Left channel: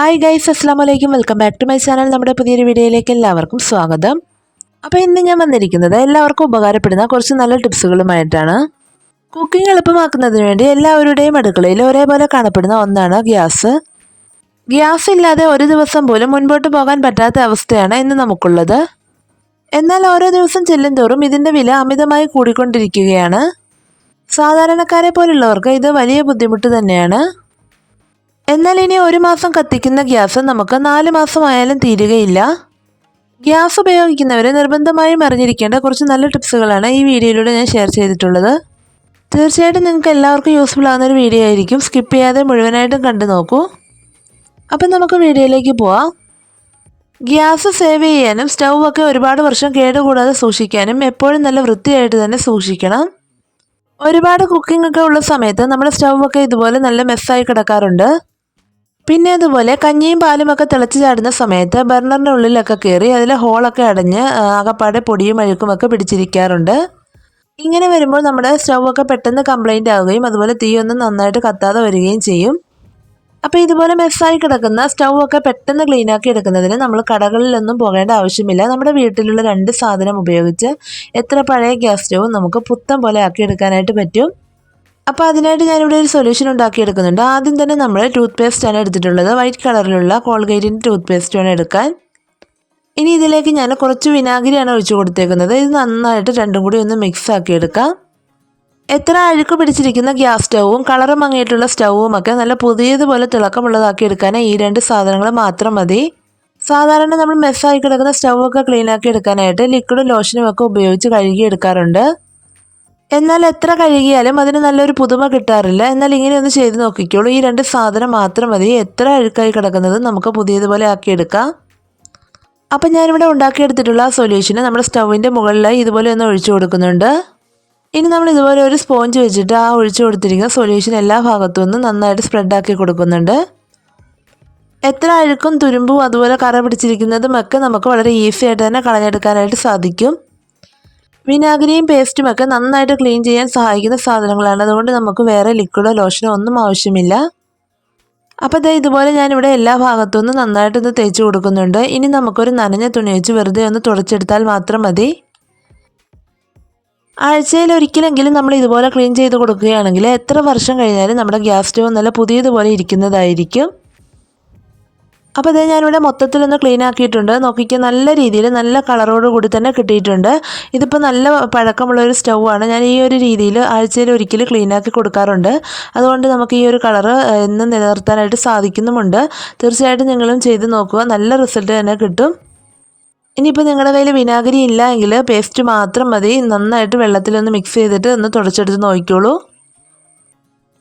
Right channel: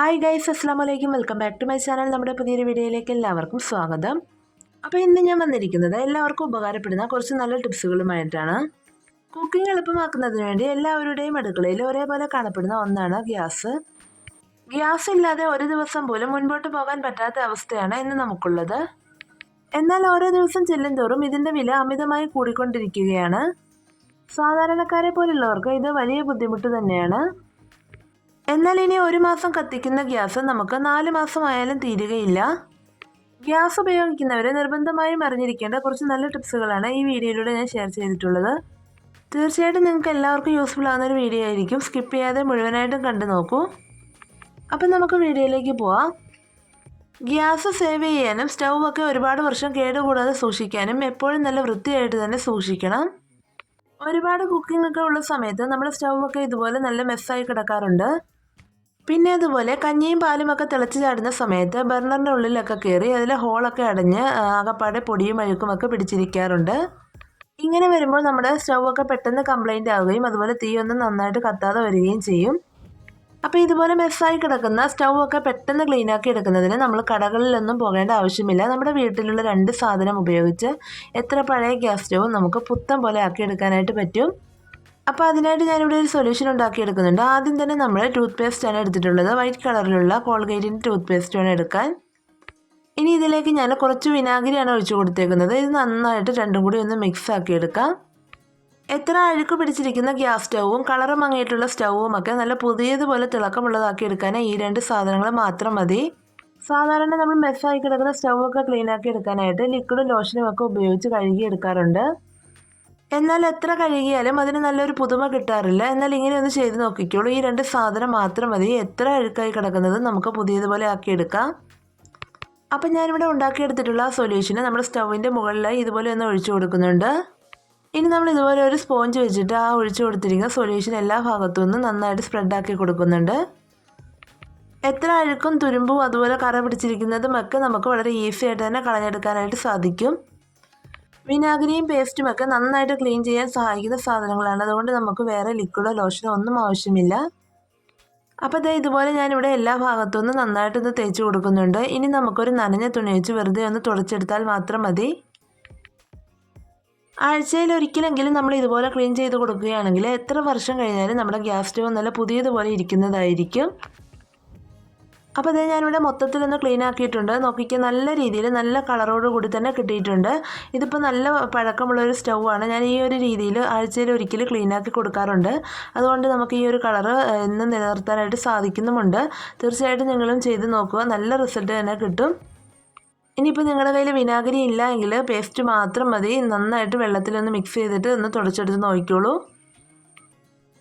Hi guys അസ്സാം വലൈക്കും welcome back to my channel നമ്മുടെ പുതിയൊരു വീഡിയോയിലേക്ക് എല്ലാവർക്കും സ്വാഗതം. അപ്പോൾ ഇന്ന് ഞാൻ വന്നിരിക്കുന്നത് എല്ലാവർക്കും ഉപകാരപ്പെടുന്ന കുറച്ച് നല്ല ടിപ്സുകളുമായിട്ടാണ്. കുക്കിംഗ് എളുപ്പമാക്കുന്നതിന് വേണ്ടി എല്ലാവരുടെയും അടുക്കളയിൽ ഒരേപോലെ കാണപ്പെടുന്ന ഒന്നാണ് ഗ്യാസ്. ഗ്യാസ് ഇല്ലാതെ ഒരു ദിവസം പോലും മുൻപോട്ട് പോകാൻ പറ്റാത്ത അവസ്ഥയാണ് ഇന്ന് നമുക്കുള്ളത്. എന്നാൽ ഓരോ ദിവസം ചെല്ലും തോറും ഇതിന്റെ വില അമിതമായി കൂടിക്കൊണ്ടിരിക്കുകയാണ്. സാധാരണക്കാരെ പോലുള്ളവർക്ക് ഇത് വലിയ ബുദ്ധിമുട്ട് തന്നെയാണ്. എന്നാൽ ഇനി ഒരു മാസം കത്തിക്കുന്ന ഗ്യാസ് നമുക്ക് നാല് മാസമായാലും തീരുകയില്ല. ഗ്യാസ് ഉപയോഗിക്കുന്നവർ നിർബന്ധമായും അറിഞ്ഞിരിക്കേണ്ട കുറച്ച് നല്ല ടിപ്സുകളാണ് ഈ വീഡിയോയിലൂടെ ഞാൻ ഷെയർ ചെയ്തിട്ടുള്ളത്. തീർച്ചയായിട്ടും നിങ്ങൾക്ക് എല്ലാവർക്കും യൂസ്ഫുൾ ആകുന്ന ഒരു വീഡിയോ ആയിരിക്കും. സ്കിപ്പ് ചെയ്യാതെ മുഴുവനായിട്ടും കണ്ടു നോക്കൂ. അപ്പം നമുക്ക് വീഡിയോയിലേക്ക് പോവാം. ഗ്യാസ് സേവ് ചെയ്യാനും സ്റ്റൗ ഒക്കെ ഒരുപാട് വർഷം കേടുകൂടാതെ സൂക്ഷിക്കാനും എപ്പോഴും നല്ല വൃത്തിയായിട്ട് തന്നെ സൂക്ഷിക്കണം. ഒരുപാട് കുക്കിംഗ് ഒക്കെ ഉള്ള സമയത്ത് നമ്മുടെ സ്റ്റൗവൊക്കെ ഇതുപോലെ നല്ല മെസ്സായി കിടക്കാറുണ്ട്. പിന്നെ അതുപോലെ കഞ്ഞിയും പാലും ഒക്കെ തിളച്ച് ചാടുന്ന സമയത്ത് ബർണറിന്റെ ഉള്ളിലൊക്കെ കയറി അതിലെ ഹോളൊക്കെ അടഞ്ഞ് അകപ്പാടെ പൊടിയും അഴുക്കും ഒക്കെ പിടിച്ചിരിക്കാറുണ്ട്. ഇങ്ങനെ വരുമ്പോൾ നമ്മുടെ സ്റ്റൗ ഒക്കെ പെട്ടെന്ന് കംപ്ലൈന്റ് ആവുകയും അതുപോലെ തീയൊന്നും നന്നായിട്ട് കത്താതെ വരികയും ചെയ്യും. അപ്പോൾ ഇതുപോലെ മെസ്സായി കിടക്കുന്ന സ്റ്റൗ ഒക്കെ പെട്ടെന്ന് ക്ലീൻ ആക്കി എടുക്കുന്നതിന് നമ്മൾ കടകളിലൊന്നും പോകേണ്ട ആവശ്യമില്ല. നമ്മുടെ വീട്ടിലുള്ള രണ്ട് സാധനം ഉപയോഗിച്ച് എത്ര പഴയ ഗ്യാസ് സ്റ്റൗവും നമുക്ക് പുത്തം പോലെ ആക്കി എടുക്കാനായിട്ട് പറ്റും. അപ്പോൾ അതിനായിട്ട് ഞാനിവിടെ ഒരു സൊല്യൂഷൻ ഉണ്ടാക്കിയെടുക്കുന്നുണ്ട്. ആദ്യം തന്നെ നമ്മൾ ടൂത്ത് പേസ്റ്റാണ് എടുത്തിട്ടുള്ളത്. വൈറ്റ് കളറിലുള്ള കോൾഗേറ്റിന്റെ ടൂത്ത് പേസ്റ്റ് വേണം എടുക്കാൻ. ഇനി ഇതിലേക്ക് ഞാൻ കുറച്ച് വിനാഗിരിയാണ് ഒഴിച്ചു കൊടുത്തേക്കുന്നത്. ഇത് നന്നായിട്ട് രണ്ടും കൂടി ഒന്ന് മിക്സ് ആക്കി എടുക്കാം എത്ര അഴുക്ക് പിടിച്ചിരിക്കുന്ന ഗ്യാസ് സ്റ്റൗവും കളറ് മങ്ങിയിട്ടുള്ള സ്റ്റൗവും ഒക്കെ നല്ല പുതിയതുപോലെ തിളക്കമുള്ളതാക്കി എടുക്കാൻ ഈ രണ്ട് സാധനങ്ങൾ മാത്രം മതി. സാധാരണ നമ്മൾ മെസ്സായി കിടക്കുന്ന സ്റ്റൗ ഒക്കെ ക്ലീൻ ആക്കി എടുക്കാനായിട്ട് ലിക്വിഡും ലോഷനും ഒക്കെ ഉപയോഗിച്ച് കഴുകി എടുക്കാറുണ്ട് എന്നാൽ എത്ര കഴുകിയാലും അതിന് നല്ലൊരു പുതുമ കിട്ടാറില്ല. എന്നാൽ ഇങ്ങനെ ഒന്ന് ചെയ്ത് നോക്കിക്കോളൂ. ഈ രണ്ട് സാധനം മാത്രം മതി. എത്ര അഴുക്കായി കിടക്കുന്നത് നമുക്ക് പുതിയതുപോലെ ആക്കിയെടുക്കാം. അപ്പം ഞാനിവിടെ ഉണ്ടാക്കിയെടുത്തിട്ടുള്ള ആ സൊല്യൂഷന് നമ്മുടെ സ്റ്റൗവിന്റെ മുകളിലായി ഇതുപോലെ ഒന്ന് ഒഴിച്ചു കൊടുക്കുന്നുണ്ട്. ഇനി നമ്മൾ ഇതുപോലെ ഒരു സ്പോഞ്ച് വെച്ചിട്ട് ആ ഒഴിച്ചു കൊടുത്തിരിക്കുന്ന സൊല്യൂഷൻ എല്ലാ ഭാഗത്തു നിന്നും നന്നായിട്ട് സ്പ്രെഡാക്കി കൊടുക്കുന്നുണ്ട്. എത്ര അഴുക്കും തുരുമ്പും അതുപോലെ കറ പിടിച്ചിരിക്കുന്നതും ഒക്കെ നമുക്ക് വളരെ ഈസി ആയിട്ട് തന്നെ കളഞ്ഞെടുക്കാനായിട്ട് സാധിക്കും. വിനാഗിരിയും പേസ്റ്റും ഒക്കെ നന്നായിട്ട് ക്ലീൻ ചെയ്യാൻ സഹായിക്കുന്ന സാധനങ്ങളാണ്. അതുകൊണ്ട് നമുക്ക് വേറെ ലിക്വിഡോ ലോഷനോ ഒന്നും ആവശ്യമില്ല. അപ്പോൾ ദേ ഇതുപോലെ ഞാനിവിടെ എല്ലാ ഭാഗത്തുനിന്നും നന്നായിട്ടൊന്ന് തേച്ച് കൊടുക്കുന്നുണ്ട്. ഇനി നമുക്കൊരു നനഞ്ഞ തുണി വെച്ച് വെറുതെ ഒന്ന് തുടച്ചെടുത്താൽ മാത്രം മതി. ആഴ്ചയിൽ ഒരിക്കലെങ്കിലും നമ്മൾ ഇതുപോലെ ക്ലീൻ ചെയ്ത് കൊടുക്കുകയാണെങ്കിൽ എത്ര വർഷം കഴിഞ്ഞാലും നമ്മുടെ ഗ്യാസ് സ്റ്റവ് നല്ല പുതിയതുപോലെ ഇരിക്കുന്നതായിരിക്കും. അപ്പോൾ ഇതേ ഞാനിവിടെ മൊത്തത്തിലൊന്ന് ക്ലീൻ ആക്കിയിട്ടുണ്ട്. നോക്കിക്കുക നല്ല രീതിയിൽ നല്ല കളറോട് കൂടി തന്നെ കിട്ടിയിട്ടുണ്ട്. ഇതിപ്പോൾ നല്ല പഴക്കമുള്ള ഒരു സ്റ്റൗ ആണ്. ഞാൻ ഈ ഒരു രീതിയിൽ ആഴ്ചയിൽ ഒരിക്കൽ ക്ലീൻ ആക്കി കൊടുക്കാറുണ്ട്. അതുകൊണ്ട് നമുക്ക് ഈ ഒരു കളറ് എന്നും നിലനിർത്താനായിട്ട് സാധിക്കുന്നുമുണ്ട്. തീർച്ചയായിട്ടും നിങ്ങളും ചെയ്ത് നോക്കുക. നല്ല റിസൾട്ട് തന്നെ കിട്ടും. ഇനിയിപ്പോൾ നിങ്ങളുടെ കയ്യിൽ വിനാഗിരി ഇല്ല എങ്കിൽ പേസ്റ്റ് മാത്രം മതി. നന്നായിട്ട് വെള്ളത്തിലൊന്ന് മിക്സ് ചെയ്തിട്ട് ഒന്ന് തുടച്ചെടുത്ത് നോക്കിക്കോളൂ.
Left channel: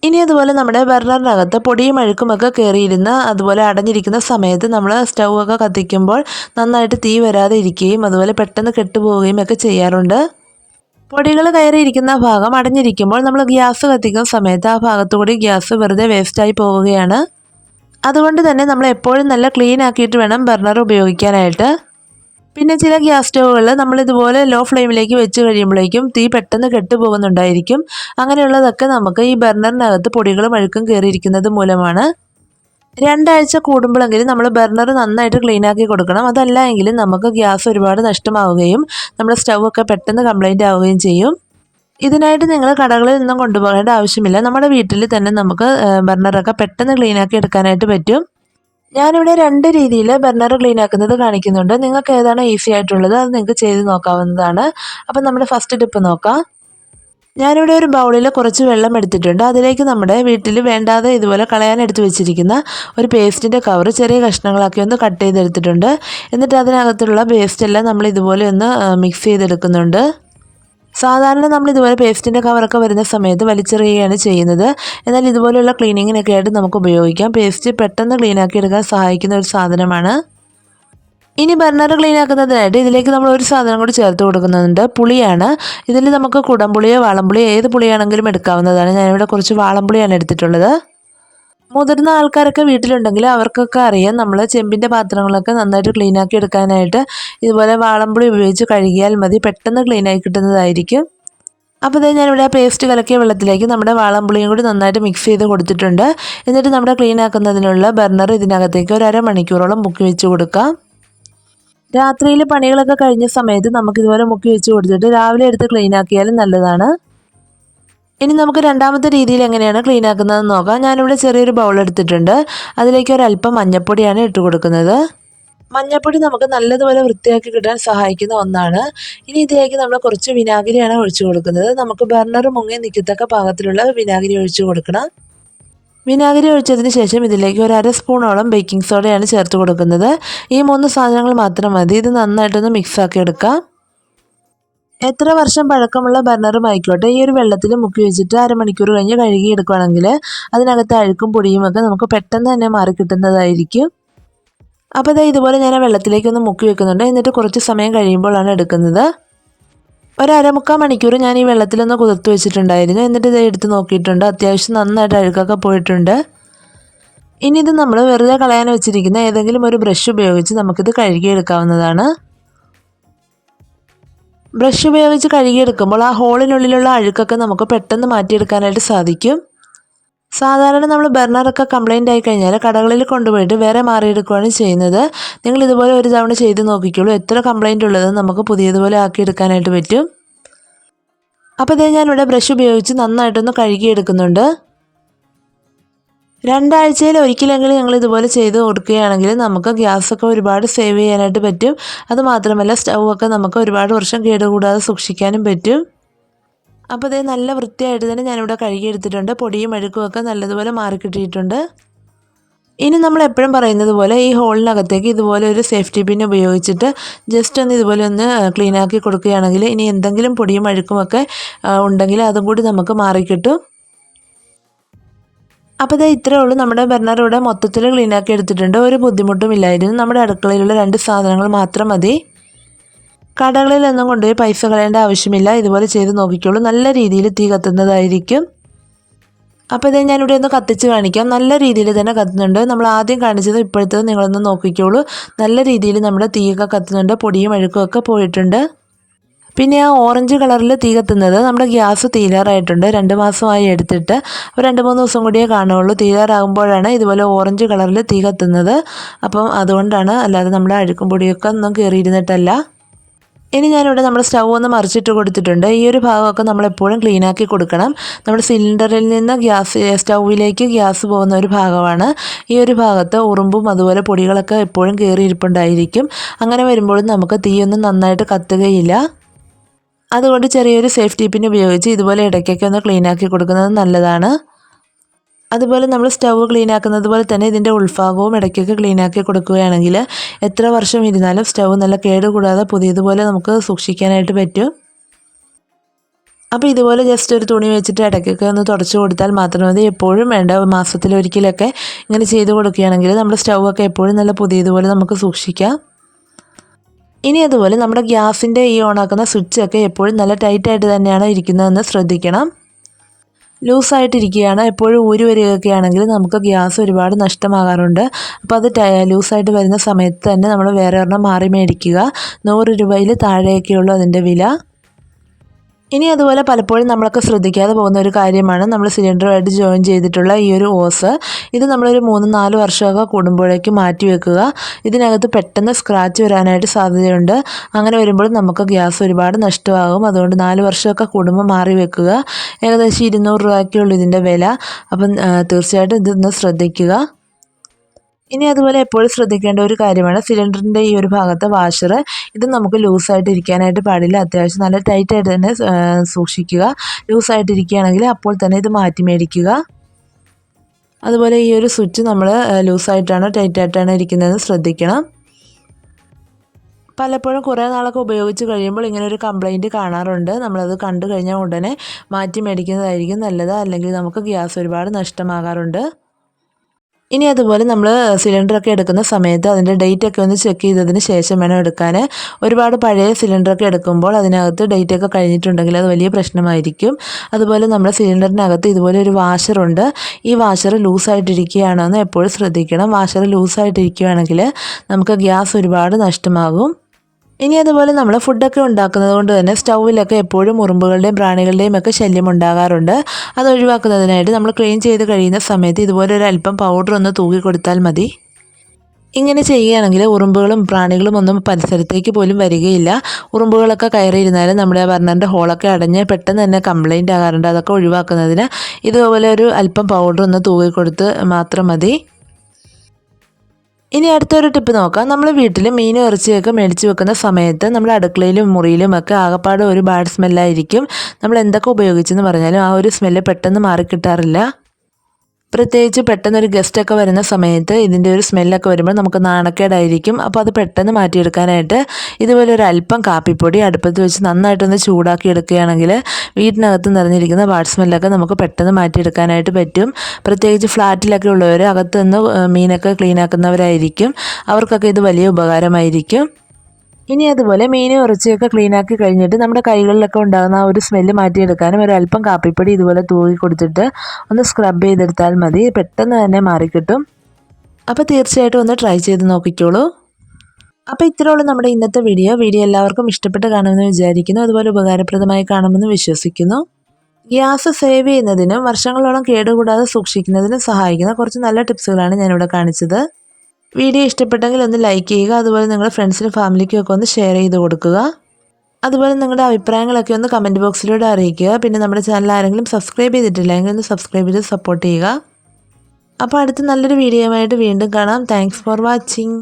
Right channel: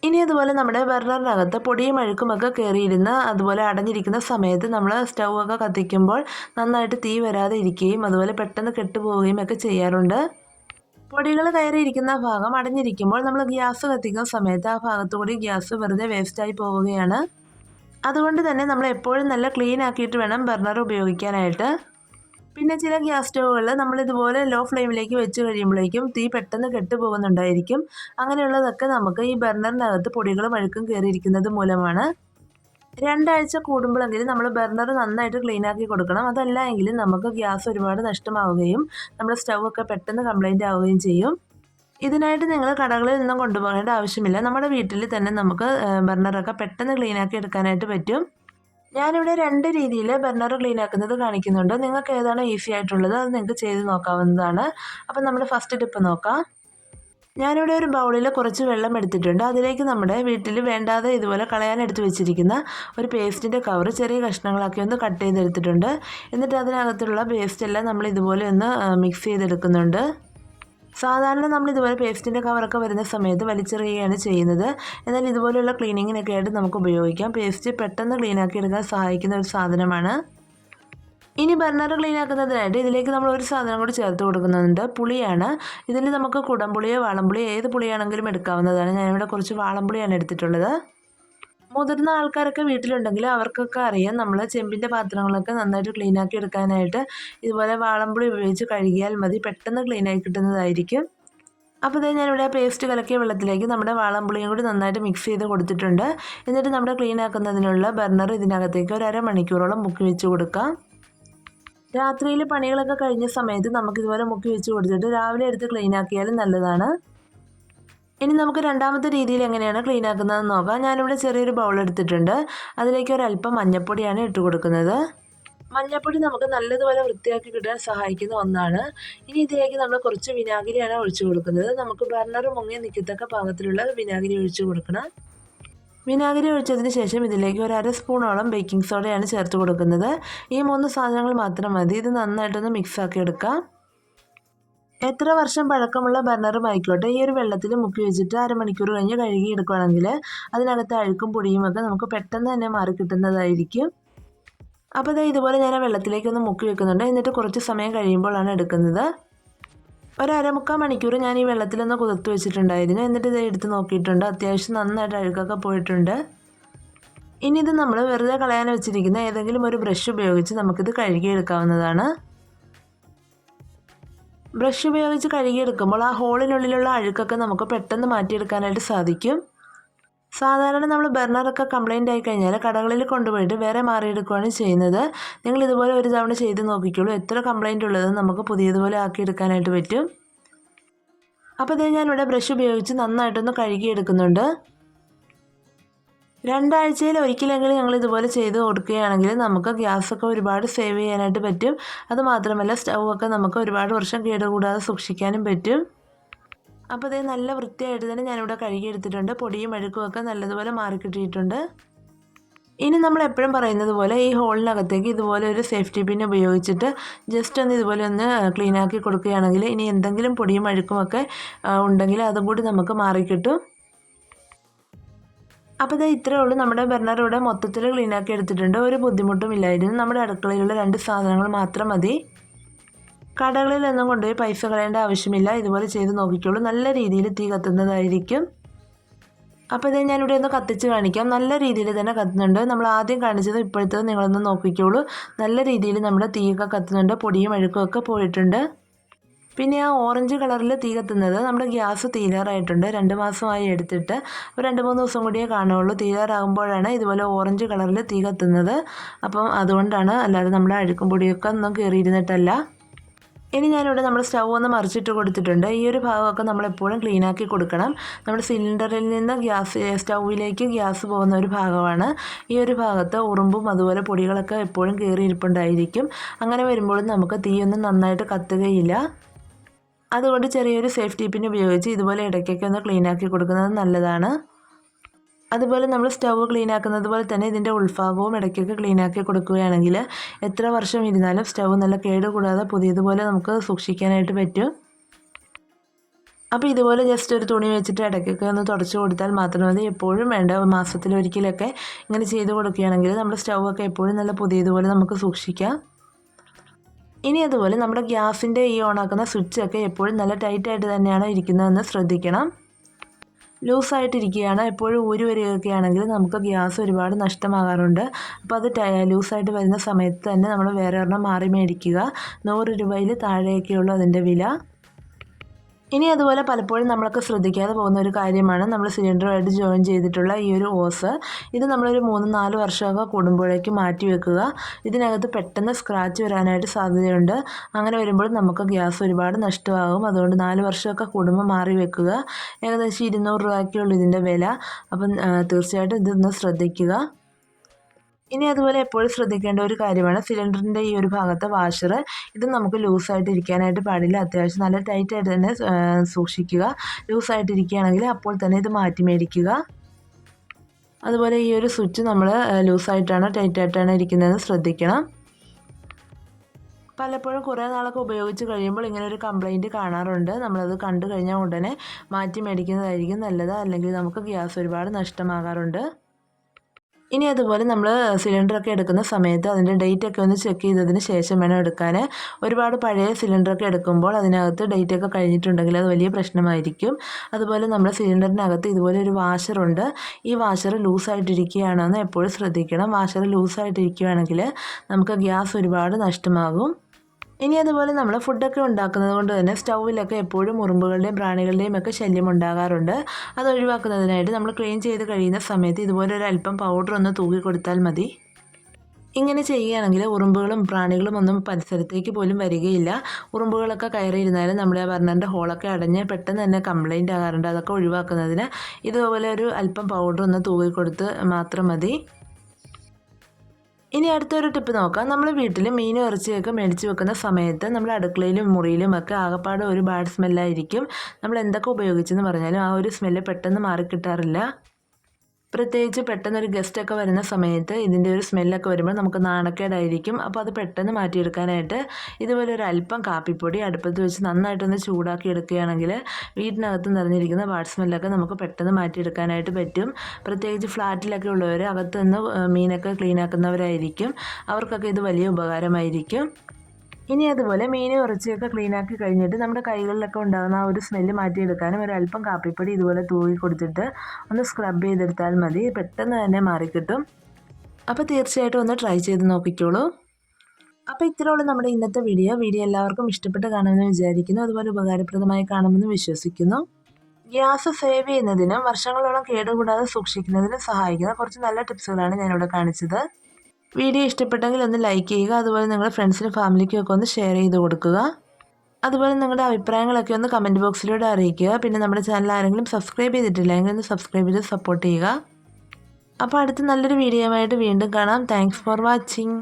ഇനി അതുപോലെ നമ്മുടെ ബർണറിനകത്ത് പൊടിയും അഴുക്കുമൊക്കെ കയറിയിരുന്ന് അതുപോലെ അടഞ്ഞിരിക്കുന്ന സമയത്ത് നമ്മൾ സ്റ്റൗ ഒക്കെ കത്തിക്കുമ്പോൾ നന്നായിട്ട് തീ വരാതെ ഇരിക്കുകയും അതുപോലെ പെട്ടെന്ന് കെട്ടുപോവുകയും ഒക്കെ ചെയ്യാറുണ്ട്. പൊടികൾ കയറിയിരിക്കുന്ന ഭാഗം അടഞ്ഞിരിക്കുമ്പോൾ നമ്മൾ ഗ്യാസ് കത്തിക്കുന്ന സമയത്ത് ആ ഭാഗത്തുകൂടി ഗ്യാസ് വെറുതെ വേസ്റ്റായി പോവുകയാണ്. അതുകൊണ്ട് തന്നെ നമ്മൾ എപ്പോഴും നല്ല ക്ലീൻ ആക്കിയിട്ട് വേണം ബർണർ ഉപയോഗിക്കാനായിട്ട്. പിന്നെ ചില ഗ്യാസ് സ്റ്റൗവുകൾ നമ്മൾ ഇതുപോലെ ലോ ഫ്ലെയിമിലേക്ക് വെച്ച് കഴിയുമ്പോഴേക്കും തീ പെട്ടെന്ന് കെട്ടുപോകുന്നുണ്ടായിരിക്കും. അങ്ങനെയുള്ളതൊക്കെ നമുക്ക് ഈ ബർണറിനകത്ത് പൊടികളും അഴുക്കും കയറിയിരിക്കുന്നത് മൂലമാണ്. രണ്ടാഴ്ച കൂടുമ്പോഴെങ്കിലും നമ്മൾ ബർണർ നന്നായിട്ട് ക്ലീൻ ആക്കി കൊടുക്കണം. അതല്ല എങ്കിൽ നമുക്ക് ഗ്യാസ് ഒരുപാട് നഷ്ടമാവുകയും നമ്മുടെ സ്റ്റൗ ഒക്കെ പെട്ടെന്ന് കംപ്ലൈന്റ് ആവുകയും ചെയ്യും. ഇതിനായിട്ട് നിങ്ങൾ കടകളിൽ നിന്നും കൊണ്ടുപോകേണ്ട ആവശ്യമില്ല. നമ്മുടെ വീട്ടിൽ തന്നെ നമുക്ക് ബർണറൊക്കെ പെട്ടെന്ന് ക്ലീൻ ആക്കി എടുക്കാനായിട്ട് പറ്റും. ഞാനിവിടെ രണ്ട് രീതിയിൽ ബർണർ ക്ലീൻ ആക്കുന്നത് കാണിക്കുന്നുണ്ട്. നിങ്ങൾക്ക് ഏതാണ് ഈസി ആയിട്ടുള്ളത്? അത് നിങ്ങൾക്ക് ചെയ്ത് നോക്കാവുന്നതാണ്. അപ്പം നമ്മുടെ ഫസ്റ്റ് ടിപ്പ് നോക്കാം. ഞാനിവിടെ ഒരു ബൗളിൽ കുറച്ച് വെള്ളം എടുത്തിട്ടുണ്ട്. അതിലേക്ക് നമ്മുടെ വീട്ടിൽ വേണ്ടാതെ ഇതുപോലെ കളയാൻ എടുത്ത് വെച്ചിരിക്കുന്ന ഒരു പേസ്റ്റിന്റെ കവർ ചെറിയ കഷ്ണങ്ങളാക്കി ഒന്ന് കട്ട് ചെയ്തെടുത്തിട്ടുണ്ട്. എന്നിട്ട് അതിനകത്തുള്ള പേസ്റ്റ് എല്ലാം നമ്മൾ ഇതുപോലെ ഒന്ന് മിക്സ് ചെയ്തെടുക്കുന്നുണ്ട്. സാധാരണ നമ്മൾ ഇതുപോലെ പേസ്റ്റിന്റെ കവറൊക്കെ വരുന്ന സമയത്ത് വലിച്ചെറിയുകയാണ് ചെയ്യുന്നത്. എന്നാൽ ഇതുപോലെയുള്ള ക്ലീനിങ്ങിനൊക്കെ ആയിട്ട് നമുക്ക് ഉപയോഗിക്കാം. പേസ്റ്റ് പെട്ടെന്ന് ക്ലീനാക്കി എടുക്കാൻ സഹായിക്കുന്ന ഒരു സാധനമാണ്. ഇനി ബർണർ ക്ലീൻ ആക്കുന്നതിനായിട്ട് ഇതിലേക്ക് നമ്മൾ ഒരു സാധനം കൂടി ചേർത്ത് കൊടുക്കുന്നുണ്ട്. പുളിയാണ്. ഇതിൽ നമുക്ക് കുടംപുളിയോ വാളംപുളിയോ ഏത് പുളിയാണെങ്കിലും എടുക്കാവുന്നതാണ്. ഞാനിവിടെ കുറച്ച് വാളംപുളിയാണ് എടുത്തിട്ടുള്ളത്. മുതിർന്ന ആൾക്കാരൊക്കെ വീട്ടിലുണ്ടെങ്കിൽ അവർക്കൊക്കെ അറിയാം നമ്മൾ ചെമ്പിന്റെ പാത്രങ്ങളൊക്കെ നന്നായിട്ട് ക്ലീൻ ആക്കി എടുക്കാനായിട്ട് ഇതുപോലെ വാളമ്പുളി ഉപയോഗിച്ച് കഴുകിയാൽ മതി. പെട്ടെന്ന് ക്ലീൻ ആയി കിട്ടുന്നതായിരിക്കും. അപ്പോൾ ഇതേ ഞാനിവിടെ ആ പേസ്റ്റ് കലക്കിയ വെള്ളത്തിലേക്ക് നമ്മുടെ വാളംപുളിയും കൂടി നന്നായിട്ട് മിക്സ് ചെയ്ത് കൊടുത്തിട്ടുണ്ട്. എന്നിട്ട് നമ്മുടെ ക്ലീൻ ആക്കുന്നതിനുള്ള ബർണർ ഇതിനകത്തേക്ക് ഒരു അരമണിക്കൂറോളം മുക്കി വെച്ച് കൊടുക്കാം. രാത്രിയിൽ പണികളൊക്കെ കഴിഞ്ഞ സമയത്ത് നമുക്കിതുപോലെ മുക്കി വെച്ച് കൊടുത്തിട്ട് രാവിലെ എടുത്ത് ക്ലീൻ ആക്കിയാലും നല്ലതാണ്. ഇനി നമുക്ക് രണ്ടാമത്തെ രീതിയിൽ എങ്ങനെയാണ് ക്ലീൻ ആക്കുന്നതെന്ന് നോക്കാം. ഞാനിവിടെ ചെറിയൊരു ബൗൾ എടുത്തിട്ടുണ്ട്. അതിലേക്ക് ഒരല്പം മഞ്ഞൾപ്പൊടിയാണ് ഇട്ട് കൊടുക്കുന്നത്. മഞ്ഞൾപ്പൊടി നമുക്ക് നല്ലതുപോലെ വൃത്തിയാക്കി കിട്ടാൻ സഹായിക്കുന്ന ഒന്നാണ്. ഇനി ഇതിലേക്ക് നമ്മൾ കുറച്ച് വിനാഗിരിയാണ് ഒഴിച്ചു കൊടുക്കുന്നത്. നമുക്ക് ബർണർ മുങ്ങി നിൽക്കത്തക്ക പാകത്തിലുള്ള വിനാഗിരി ഒഴിച്ചു കൊടുക്കണം. വിനാഗിരി ഒഴിച്ചതിന് ശേഷം ഇതിലേക്ക് ഒരു അര സ്പൂണോളം ബേക്കിംഗ് സോഡയാണ് ചേർത്ത് കൊടുക്കുന്നത്. ഈ മൂന്ന് സാധനങ്ങൾ മാത്രം മതി. ഇത് നന്നായിട്ടൊന്ന് മിക്സ് ആക്കി എടുക്കാം. എത്ര വർഷം പഴക്കമുള്ള ബർണറും ആയിക്കോട്ടെ ഈ ഒരു വെള്ളത്തിൽ മുക്കി വെച്ചിട്ട് അരമണിക്കൂർ കഴിഞ്ഞ് കഴുകി എടുക്കുകയാണെങ്കിൽ അതിനകത്ത് അഴുക്കും പൊടിയും ഒക്കെ നമുക്ക് പെട്ടെന്ന് തന്നെ മാറി കിട്ടുന്നതായിരിക്കും. അപ്പോൾ ഇതാ ഇതുപോലെ ഞാൻ ആ വെള്ളത്തിലേക്കൊന്ന് മുക്കി വെക്കുന്നുണ്ട്. എന്നിട്ട് കുറച്ച് സമയം കഴിയുമ്പോഴാണ് എടുക്കുന്നത്. ഒരു അരമുക്കാൽ മണിക്കൂർ ഞാൻ ഈ വെള്ളത്തിലൊന്ന് കുതിർത്ത് വെച്ചിട്ടുണ്ടായിരുന്നു. എന്നിട്ട് ഇത് എടുത്ത് നോക്കിയിട്ടുണ്ട്. അത്യാവശ്യം നന്നായിട്ട് അഴുക്കൊക്കെ പോയിട്ടുണ്ട്. ഇനി ഇത് നമ്മൾ വെറുതെ കളയാൻ വെച്ചിരിക്കുന്ന ഏതെങ്കിലും ഒരു ബ്രഷ് ഉപയോഗിച്ച് നമുക്കിത് കഴുകിയെടുക്കാവുന്നതാണ്. ബ്രഷ് ഉപയോഗിച്ച് കഴുകിയെടുക്കുമ്പോൾ ആ ഹോളിനുള്ളിലുള്ള അഴുക്കൊക്കെ നമുക്ക് പെട്ടെന്ന് മാറ്റിയെടുക്കാനായിട്ട് സാധിക്കും. സാധാരണ നമ്മൾ ബർണറൊക്കെ കംപ്ലൈന്റ് ആയി കഴിഞ്ഞാൽ കടകളിൽ കൊണ്ടുപോയിട്ട് വേറെ മാറിയെടുക്കുകയാണ് ചെയ്യുന്നത്. നിങ്ങൾ ഇതുപോലെ ഒരു തവണ ചെയ്ത് നോക്കിക്കോളൂ. എത്ര കംപ്ലൈന്റ് ഉള്ളത് നമുക്ക് പുതിയതുപോലെ ആക്കിയെടുക്കാനായിട്ട് പറ്റും. അപ്പോൾ ഇതേ ഞാനിവിടെ ബ്രഷ് ഉപയോഗിച്ച് നന്നായിട്ടൊന്ന് കഴുകിയെടുക്കുന്നുണ്ട്. രണ്ടാഴ്ചയിൽ ഒരിക്കലെങ്കിലും ഞങ്ങൾ ഇതുപോലെ ചെയ്ത് കൊടുക്കുകയാണെങ്കിൽ നമുക്ക് ഗ്യാസൊക്കെ ഒരുപാട് സേവ് ചെയ്യാനായിട്ട് പറ്റും. അതുമാത്രമല്ല സ്റ്റൗവൊക്കെ നമുക്ക് ഒരുപാട് വർഷം കേടുകൂടാതെ സൂക്ഷിക്കാനും പറ്റും. അപ്പോൾ അതേ നല്ല വൃത്തിയായിട്ട് തന്നെ ഞാനിവിടെ കഴുകിയെടുത്തിട്ടുണ്ട് പൊടിയും അഴുക്കും ഒക്കെ നല്ലതുപോലെ മാറിക്കിട്ടിയിട്ടുണ്ട് ഇനി നമ്മൾ എപ്പോഴും പറയുന്നത് പോലെ ഈ ഹോളിനകത്തേക്ക് ഇതുപോലെ ഒരു സേഫ്റ്റി പിൻ ഉപയോഗിച്ചിട്ട് ജസ്റ്റ് ഒന്ന് ഇതുപോലെ ഒന്ന് ക്ലീനാക്കി കൊടുക്കുകയാണെങ്കിൽ ഇനി എന്തെങ്കിലും പൊടിയും അഴുക്കുമൊക്കെ ഉണ്ടെങ്കിൽ അതും കൂടി നമുക്ക് മാറിക്കിട്ടും അപ്പോൾ ഇത് ഇത്രയേ ഉള്ളൂ. നമ്മുടെ ബർണർ ഇവിടെ മൊത്തത്തിൽ ക്ലീൻ ആക്കി എടുത്തിട്ടുണ്ട്. ഒരു ബുദ്ധിമുട്ടും ഇല്ലായിരുന്നു. നമ്മുടെ അടുക്കളയിലുള്ള രണ്ട് സാധനങ്ങൾ മാത്രം മതി. കടകളിലൊന്നും കൊണ്ടുപോയി പൈസ കളയേണ്ട ആവശ്യമില്ല. ഇതുപോലെ ചെയ്ത് നോക്കിക്കോളൂ. നല്ല രീതിയിൽ തീ കത്തുന്നതായിരിക്കും. അപ്പോൾ ഇതേ ഞാനിവിടെ ഒന്ന് കത്തിച്ച് കാണിക്കാം. നല്ല രീതിയിൽ തന്നെ കത്തുന്നുണ്ട്. നമ്മൾ ആദ്യം കാണിച്ചത് ഇപ്പോഴത്തെ നിങ്ങളൊന്ന് നോക്കിക്കോളൂ. നല്ല രീതിയിൽ നമ്മുടെ തീയൊക്കെ കത്തുന്നുണ്ട്. പൊടിയും അഴുക്കും ഒക്കെ പോയിട്ടുണ്ട്. പിന്നെ ആ ഓറഞ്ച് കളറിൽ തീ കത്തുന്നത് നമ്മുടെ ഗ്യാസ് തീരാറായിട്ടുണ്ട്. രണ്ട് മാസമായി എടുത്തിട്ട് അപ്പോൾ രണ്ട് മൂന്ന് ദിവസം കൂടിയേ കാണുള്ളൂ. തീരാറാകുമ്പോഴാണ് ഇതുപോലെ ഓറഞ്ച് കളറിൽ തീ കത്തുന്നത്. അപ്പം അതുകൊണ്ടാണ് അല്ലാതെ നമ്മുടെ അഴുക്കും പൊടിയൊക്കെ ഒന്നും കയറിയിരുന്നിട്ടല്ല ഇനി ഞാനിവിടെ നമ്മുടെ സ്റ്റൗ ഒന്ന് മറിച്ചിട്ട് കൊടുത്തിട്ടുണ്ട്. ഈ ഒരു ഭാഗമൊക്കെ നമ്മൾ എപ്പോഴും ക്ലീൻ ആക്കി കൊടുക്കണം. നമ്മുടെ സിലിണ്ടറിൽ നിന്ന് ഗ്യാസ് സ്റ്റൗവിലേക്ക് ഗ്യാസ് പോകുന്ന ഒരു ഭാഗമാണ്. ഈ ഒരു ഭാഗത്ത് ഉറുമ്പും അതുപോലെ പൊടികളൊക്കെ എപ്പോഴും കയറിയിരിപ്പുണ്ടായിരിക്കും അങ്ങനെ വരുമ്പോഴും നമുക്ക് തീയൊന്നും നന്നായിട്ട് കത്തുകയില്ല. അതുകൊണ്ട് ചെറിയൊരു സേഫ്റ്റി പിൻ ഉപയോഗിച്ച് ഇതുപോലെ ഇടയ്ക്കൊക്കെ ഒന്ന് ക്ലീൻ ആക്കി കൊടുക്കുന്നത് നല്ലതാണ്. അതുപോലെ നമ്മൾ സ്റ്റവ് ക്ലീൻ ആക്കുന്നത് പോലെ തന്നെ ഇതിന്റെ ഉൾഭാഗവും ഇടയ്ക്കൊക്കെ ക്ലീൻ ആക്കി കൊടുക്കുകയാണെങ്കിൽ എത്ര വർഷം ഇരുന്നാലും സ്റ്റവ് നല്ല കേടുകൂടാതെ പുതിയതുപോലെ നമുക്ക് സൂക്ഷിക്കാനായിട്ട് പറ്റും. അപ്പോൾ ഇതുപോലെ ജസ്റ്റ് ഒരു തുണി വെച്ചിട്ട് ഇടയ്ക്കൊക്കെ ഒന്ന് തുടച്ചു കൊടുത്താൽ മാത്രം മതി എപ്പോഴും വേണ്ട മാസത്തിലൊരിക്കലൊക്കെ ഇങ്ങനെ ചെയ്ത് കൊടുക്കുകയാണെങ്കിൽ നമ്മുടെ സ്റ്റൗവൊക്കെ എപ്പോഴും നല്ല പുതിയതുപോലെ നമുക്ക് സൂക്ഷിക്കാം. ഇനി അതുപോലെ നമ്മുടെ ഗ്യാസിന്റെ ഈ ഓണാക്കുന്ന സ്വിച്ചൊക്കെ എപ്പോഴും നല്ല ടൈറ്റായിട്ട് തന്നെയാണ് ഇരിക്കുന്നതെന്ന് ശ്രദ്ധിക്കണം. ലൂസായിട്ടിരിക്കുകയാണ്. എപ്പോഴും ഊരി വരികയൊക്കെ ആണെങ്കിൽ നമുക്ക് ഗ്യാസ് ഒരുപാട് നഷ്ടമാകാറുണ്ട്. അപ്പോൾ അത് ലൂസായിട്ട് വരുന്ന സമയത്ത് തന്നെ നമ്മൾ വേറെ ഒരെണ്ണം മാറി മേടിക്കുക. നൂറ് രൂപയിൽ താഴെയൊക്കെയുള്ളൂ അതിന്റെ വില. ഇനി അതുപോലെ പലപ്പോഴും നമ്മളൊക്കെ ശ്രദ്ധിക്കാതെ പോകുന്ന ഒരു കാര്യമാണ് നമ്മൾ സിലിണ്ടറുമായിട്ട് ജോയിൻ ചെയ്തിട്ടുള്ള ഈ ഒരു ഓസ്. ഇത് നമ്മളൊരു മൂന്ന് നാല് വർഷമൊക്കെ കൂടുമ്പോഴേക്കും മാറ്റി വെക്കുക. ഇതിനകത്ത് പെട്ടെന്ന് സ്ക്രാച്ച് വരാനായിട്ട് സാധ്യതയുണ്ട്. അങ്ങനെ വരുമ്പോൾ നമുക്ക് ഗ്യാസ് ഒരുപാട് നഷ്ടമാകും. അതുകൊണ്ട് നാല് വർഷമൊക്കെ കൂടുമ്പോൾ മാറി വെക്കുക. ഏകദേശം ഇരുന്നൂറ് രൂപയ്ക്കുള്ളൂ ഇതിന്റെ വില. അപ്പം തീർച്ചയായിട്ടും ഇതൊന്ന് ശ്രദ്ധിക്കുക. ഇനി അതുപോലെ എപ്പോഴും ശ്രദ്ധിക്കേണ്ട ഒരു കാര്യമാണ് സിലിണ്ടറിന്റെ ഈ ഒരു ഭാഗത്തെ വാഷർ ഇത് നമുക്ക് ലൂസായിട്ട് ഇരിക്കാനായിട്ട് പാടില്ല. അത്യാവശ്യം നല്ല ടൈറ്റായിട്ട് തന്നെ സൂക്ഷിക്കുക. ലൂസായിട്ട് ഇരിക്കുകയാണെങ്കിൽ അപ്പോൾ തന്നെ ഇത് മാറ്റി മേടിക്കുക. അതുപോലെ ഈ ഒരു സ്വിച്ച് നമ്മൾ ലൂസായിട്ടാണ് ടൈറ്റായിട്ടാണ് ഇരിക്കുന്നതെന്ന് ശ്രദ്ധിക്കണം. പലപ്പോഴും കുറേ നാളൊക്കെ ഉപയോഗിച്ച് കഴിയുമ്പോൾ ഇങ്ങനെ ഒരു കംപ്ലൈന്റ് കാണാറുണ്ട്. നമ്മളത് കണ്ടു കഴിഞ്ഞാൽ ഉടനെ മാറ്റി മേടിക്കുന്നതായിരിക്കും നല്ലത്. അല്ലെങ്കിൽ നമുക്ക് ഗ്യാസ് ഒരുപാട് നഷ്ടമാകാറുണ്ട്. ഇനി അതുപോലെ നമ്മൾ സിലിണ്ടറൊക്കെ എടുക്കുന്ന സമയത്ത് അതിന്റെ ഡേറ്റ് ഒക്കെ ഒന്ന് ചെക്ക് ചെയ്തതിന് ശേഷം വേണം എടുക്കാൻ ഒരുപാട് പഴയ സിലിണ്ടറൊക്കെ എടുക്കുമ്പോൾ അതിനകത്ത് ഡേറ്റ് ഒക്കെ കഴിഞ്ഞിട്ടുണ്ടെങ്കിൽ അത് വലിയ പ്രശ്നമായിരിക്കും. അതുപോലെ നമ്മൾ സിലിണ്ടറിനകത്ത് ഇതുപോലെ ഒരു വാഷറുണ്ട് ഈ വാഷർ ലൂസായിട്ടിരിക്കുകയാണോ എന്ന് എപ്പോഴും ശ്രദ്ധിക്കണം. വാഷർ ലൂസായിട്ടിരിക്കുകയാണെങ്കിൽ നമുക്ക് ഗ്യാസ് ഒരുപാട് നഷ്ടമാകും. ഇനി അതുപോലെ നമ്മൾ ഫുഡൊക്കെ ഉണ്ടാക്കുന്നത് കൊണ്ട് തന്നെ സ്റ്റൗവിലൊക്കെ എപ്പോഴും ഉറുമ്പുകളുടെയും പ്രാണികളുടെയും ഒക്കെ ശല്യം ഉണ്ടാകാറുണ്ട്. അത് ഒഴിവാക്കുന്നതിനായിട്ട് നമ്മൾ ക്ലീൻ ചെയ്ത് കഴിയുന്ന സമയത്ത് ഇതുപോലെ ഒരു അല്പം പൗഡർ ഒന്ന് തൂക്കി കൊടുത്താൽ മതി. ഇങ്ങനെ ചെയ്യുകയാണെങ്കിൽ ഉറുമ്പുകളും പ്രാണികളും ഒന്നും പരിസരത്തേക്ക് പോലും വരികയില്ല. ഉറുമ്പുകളൊക്കെ കയറിയിരുന്നാലും നമ്മുടെ ബർണറിന്റെ ഹോളൊക്കെ അടഞ്ഞ് പെട്ടെന്ന് തന്നെ കംപ്ലൈന്റ് ആകാറുണ്ട്. അതൊക്കെ ഒഴിവാക്കുന്നതിന് ഇതുപോലെ ഒരു അല്പം പൗഡർ ഒന്ന് തൂക്കി കൊടുത്ത് മാത്രം മതി. ഇനി അടുത്തൊരു ടിപ്പ് നോക്കാം. നമ്മൾ വീട്ടിൽ മീനും ഇറച്ചിയൊക്കെ മേടിച്ച് വെക്കുന്ന സമയത്ത് നമ്മൾ അടുക്കളയിലും മുറിയിലും ഒക്കെ ആകെപ്പാടെ ഒരു ബാഡ് സ്മെല്ലായിരിക്കും നമ്മൾ എന്തൊക്കെ ഉപയോഗിച്ചെന്ന് പറഞ്ഞാലും ആ ഒരു സ്മെല്ല് പെട്ടെന്ന് മാറിക്കിട്ടാറില്ല പ്രത്യേകിച്ച് പെട്ടെന്നൊരു ഗസ്റ്റൊക്കെ വരുന്ന സമയത്ത് ഇതിന്റെ ഒരു സ്മെല്ലൊക്കെ വരുമ്പോൾ നമുക്ക് നാണക്കേടായിരിക്കും. അപ്പോൾ അത് പെട്ടെന്ന് മാറ്റിയെടുക്കാനായിട്ട് ഇതുപോലെ ഒരു അല്പം കാപ്പിപ്പൊടി അടുപ്പത്ത് വെച്ച് നന്നായിട്ടൊന്ന് ചൂടാക്കി എടുക്കുകയാണെങ്കിൽ വീട്ടിനകത്ത് നിറഞ്ഞിരിക്കുന്ന ബാഡ് സ്മെല്ലൊക്കെ നമുക്ക് പെട്ടെന്ന് മാറ്റിയെടുക്കാനായിട്ട് പറ്റും. പ്രത്യേകിച്ച് ഫ്ലാറ്റിലൊക്കെ ഉള്ളവർ അകത്തുനിന്ന് മീനൊക്കെ ക്ലീൻ ആക്കുന്നവരായിരിക്കും അവർക്കൊക്കെ ഇത് വലിയ ഉപകാരമായിരിക്കും. ഇനി അതുപോലെ മീനും ഇറച്ചിയൊക്കെ ക്ലീനാക്കി കഴിഞ്ഞിട്ട് നമ്മുടെ കൈകളിലൊക്കെ ഉണ്ടാകുന്ന ആ ഒരു സ്മെല്ല് മാറ്റിയെടുക്കാനും ഒരു അല്പം കാപ്പിപ്പൊടി ഇതുപോലെ തൂകി കൊടുത്തിട്ട് ഒന്ന് സ്ക്രബ് ചെയ്തെടുത്താൽ മതി. പെട്ടെന്ന് തന്നെ മാറിക്കിട്ടും. അപ്പോൾ തീർച്ചയായിട്ടും ഒന്ന് ട്രൈ ചെയ്ത് നോക്കിക്കോളൂ. അപ്പോൾ ഇത്രയുള്ള നമ്മുടെ ഇന്നത്തെ വീഡിയോ വീഡിയോ എല്ലാവർക്കും ഇഷ്ടപ്പെട്ട് കാണുമെന്ന് വിചാരിക്കുന്നു. അതുപോലെ ഉപകാരപ്രദമായി കാണുമെന്ന് വിശ്വസിക്കുന്നു. ഗ്യാസ് സേവ് ചെയ്യുന്നതിനും വർഷങ്ങളോളം കേടുകൂടാതെ സൂക്ഷിക്കുന്നതിനും സഹായിക്കുന്ന കുറച്ച് നല്ല ടിപ്സുകളാണ് ഞാനിവിടെ കാണിച്ചത്. വീഡിയോ ഇഷ്ടപ്പെട്ടെങ്കിൽ ഒന്ന് ലൈക്ക് ചെയ്യുക. അതുപോലെ നിങ്ങളുടെ ഫ്രണ്ട്സിനും ഫാമിലിക്കും ഒക്കെ ഒന്ന് ഷെയർ ചെയ്ത് കൊടുക്കുക. അതുപോലെ നിങ്ങളുടെ അഭിപ്രായങ്ങളൊക്കെ ഒന്ന് കമന്റ് ബോക്സിലൂടെ അറിയിക്കുക. പിന്നെ നമ്മുടെ ചാനൽ ആരെങ്കിലും സബ്സ്ക്രൈബ് ചെയ്തിട്ടില്ല എങ്കിൽ ഒന്ന് സബ്സ്ക്രൈബ് ചെയ്ത് സപ്പോർട്ട് ചെയ്യുക. അപ്പോൾ അടുത്ത നല്ലൊരു വീഡിയോയുമായിട്ട് വീണ്ടും കാണാം. Thanks for watching